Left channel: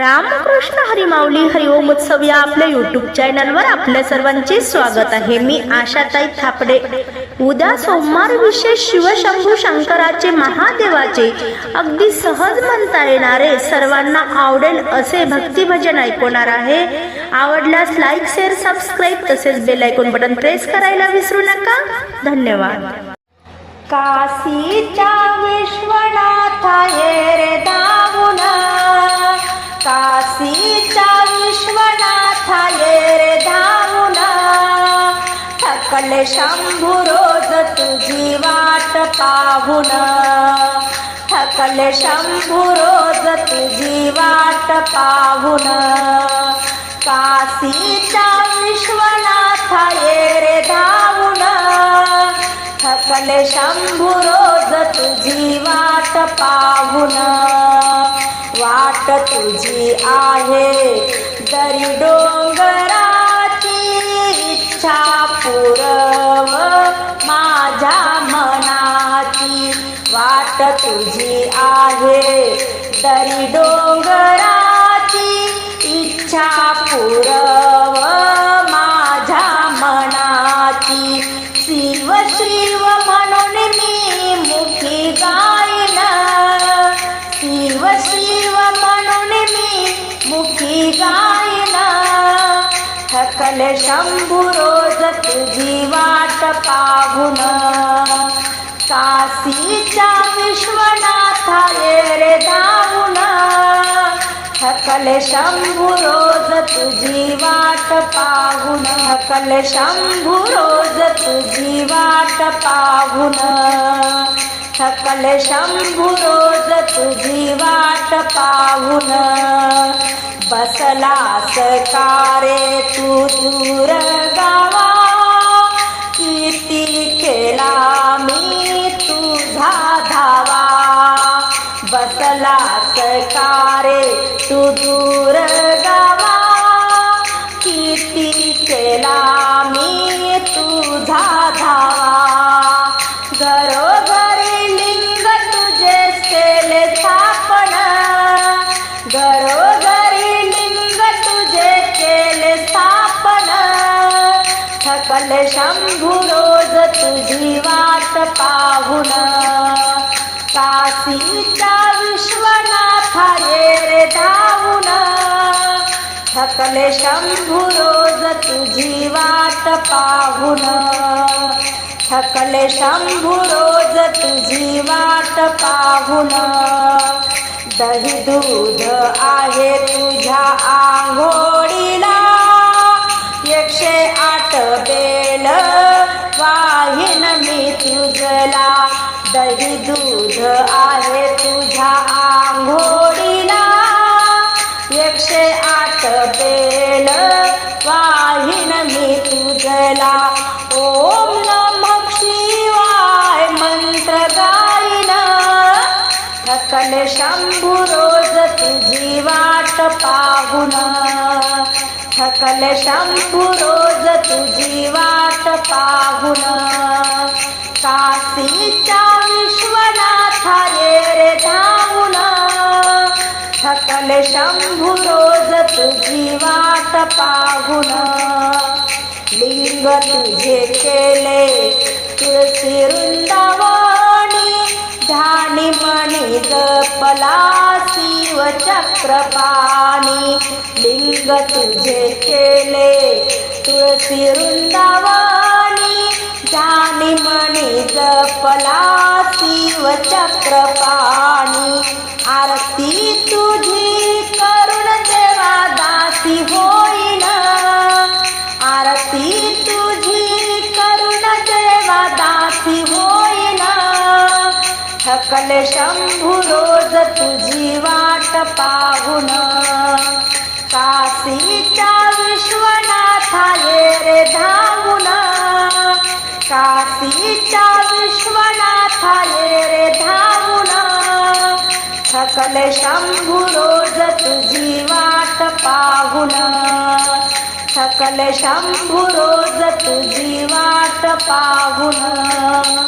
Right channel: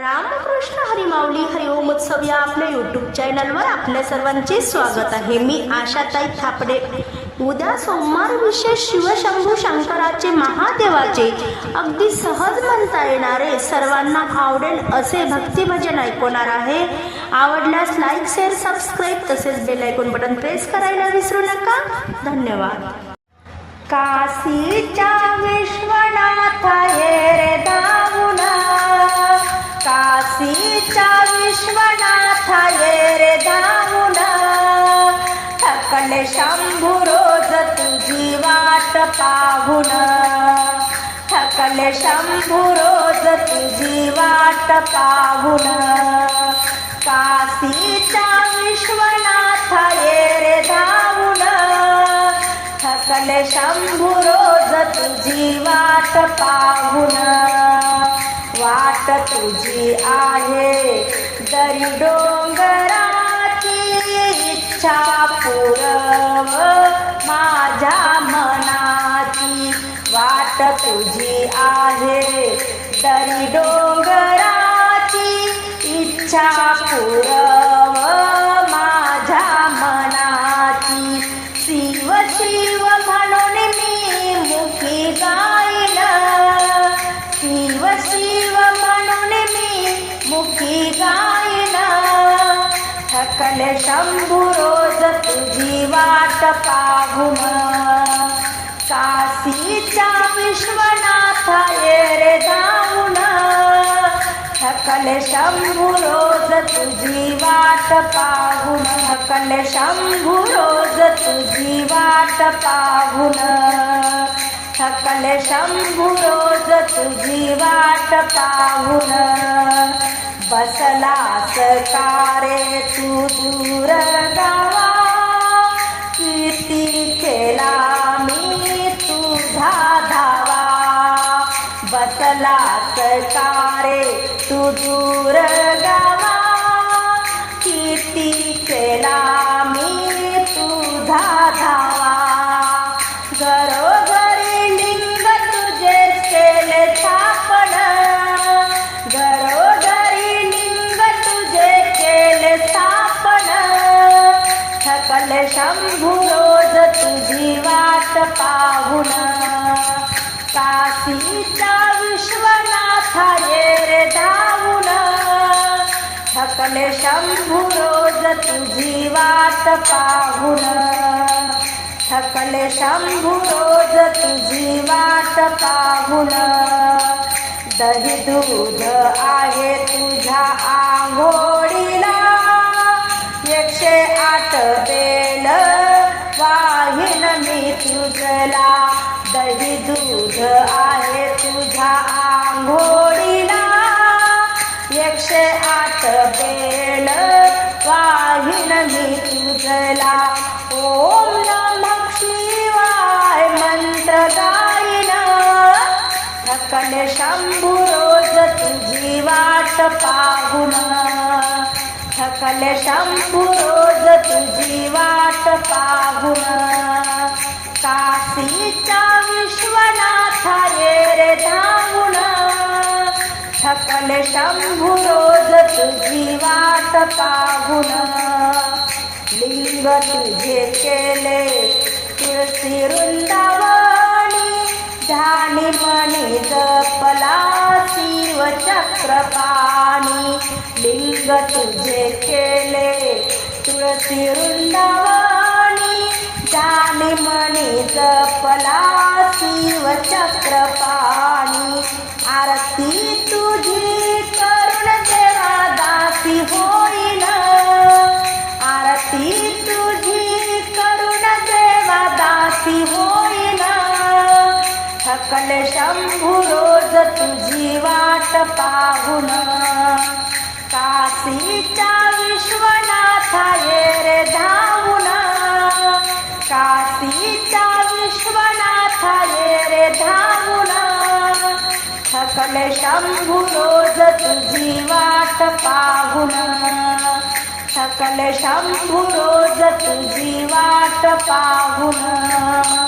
रामकृष्ण हरिमावली हरिओम उत्सव या आपल्या यूट्यूब चॅनलवर आपल्या सर्वांचे स्वागत आहे मी आशाताई थापडे उद्या सोमवार विशेष शिवशंभू शंकराचे महादेवाचे अगदी सहज म्हणता येणारे सर्वांना आवडेल असे भक्तिभजन ऐकवणार आहे आवडल्यास लाईक शेअर सबस्क्राईब तसेच बेल ऐकून बटन प्रेस करायला विसरू नका धन्यवाद काशीच्या आहे सीता विश्वनाथा रे धावून थकल शंभू रोज तुझी वाट पाहून थकल शंभू रोज तुझी वाट पाहून विश्वनाथ विश्वनाथा रे धावून थकल शंभू रोज तुझी वाट पाहून वाट तुझी आहे दरी डोंगराची इच्छा पुरव माझ्या मनाची वाट तुझी आहे दरी डोंगराची इच्छा पुरव माझ्या मनाची शिव चल शंभू रोज तुझी वाट पाहून काशीच्या विश्वनाथा रे धावून थकल शंभू रोज तुझी वाट पाहून थकल शंभू रोज तुझी वाट पाहून सकल शंभू तुझी वाट पाहून बसला सकारे तू दूर गावा किती केला मी तुझा धावा बसला सकारे तू दूर गावा किती केला सकल शंभू रोज तुझी वाट पाहून काशीचा विश्वनाथा ये धावून सकल शंभू रोज तुझी वाट पाहून सकल शंभू रोज तुझी वाट पाहून दही दूध आहे तुझ्या आंघोळीला एकशे आठ ला दही दूध आहे तुझ्या आंघोळीला एकशे आठ बेल वाहिन मी तुझला ओम नम शिवाय मंत्र गायन थकल शंभू रोज तुझी वाट पाहून थकल शंभू रोज तुझी वाट पाहून काशीच्या विश्वनाथ रे धावून थकल शंभू रोज तुझी वाट पाहून लिंग तुझे केले तुळसी वृंदावणी ध्यानी मनी जपला शिव चक्रपाणी लिंग तुझे केले तुळसी वृंदावणी जाने मने जपला शिव चक्रपाणी आरती तुझी करुण देवा दासी होईल आरती तुझी करुण देवा दासी होईल थकल शंभू रोज तुझी वाट पाहून काशीच्या विश्वनाथा ये रे धावून सीता विश्वनाथा रे धावला सकल शंभू रोज तुझी वाट पाहून सकल शंभू रोज तुझी वाट पाहून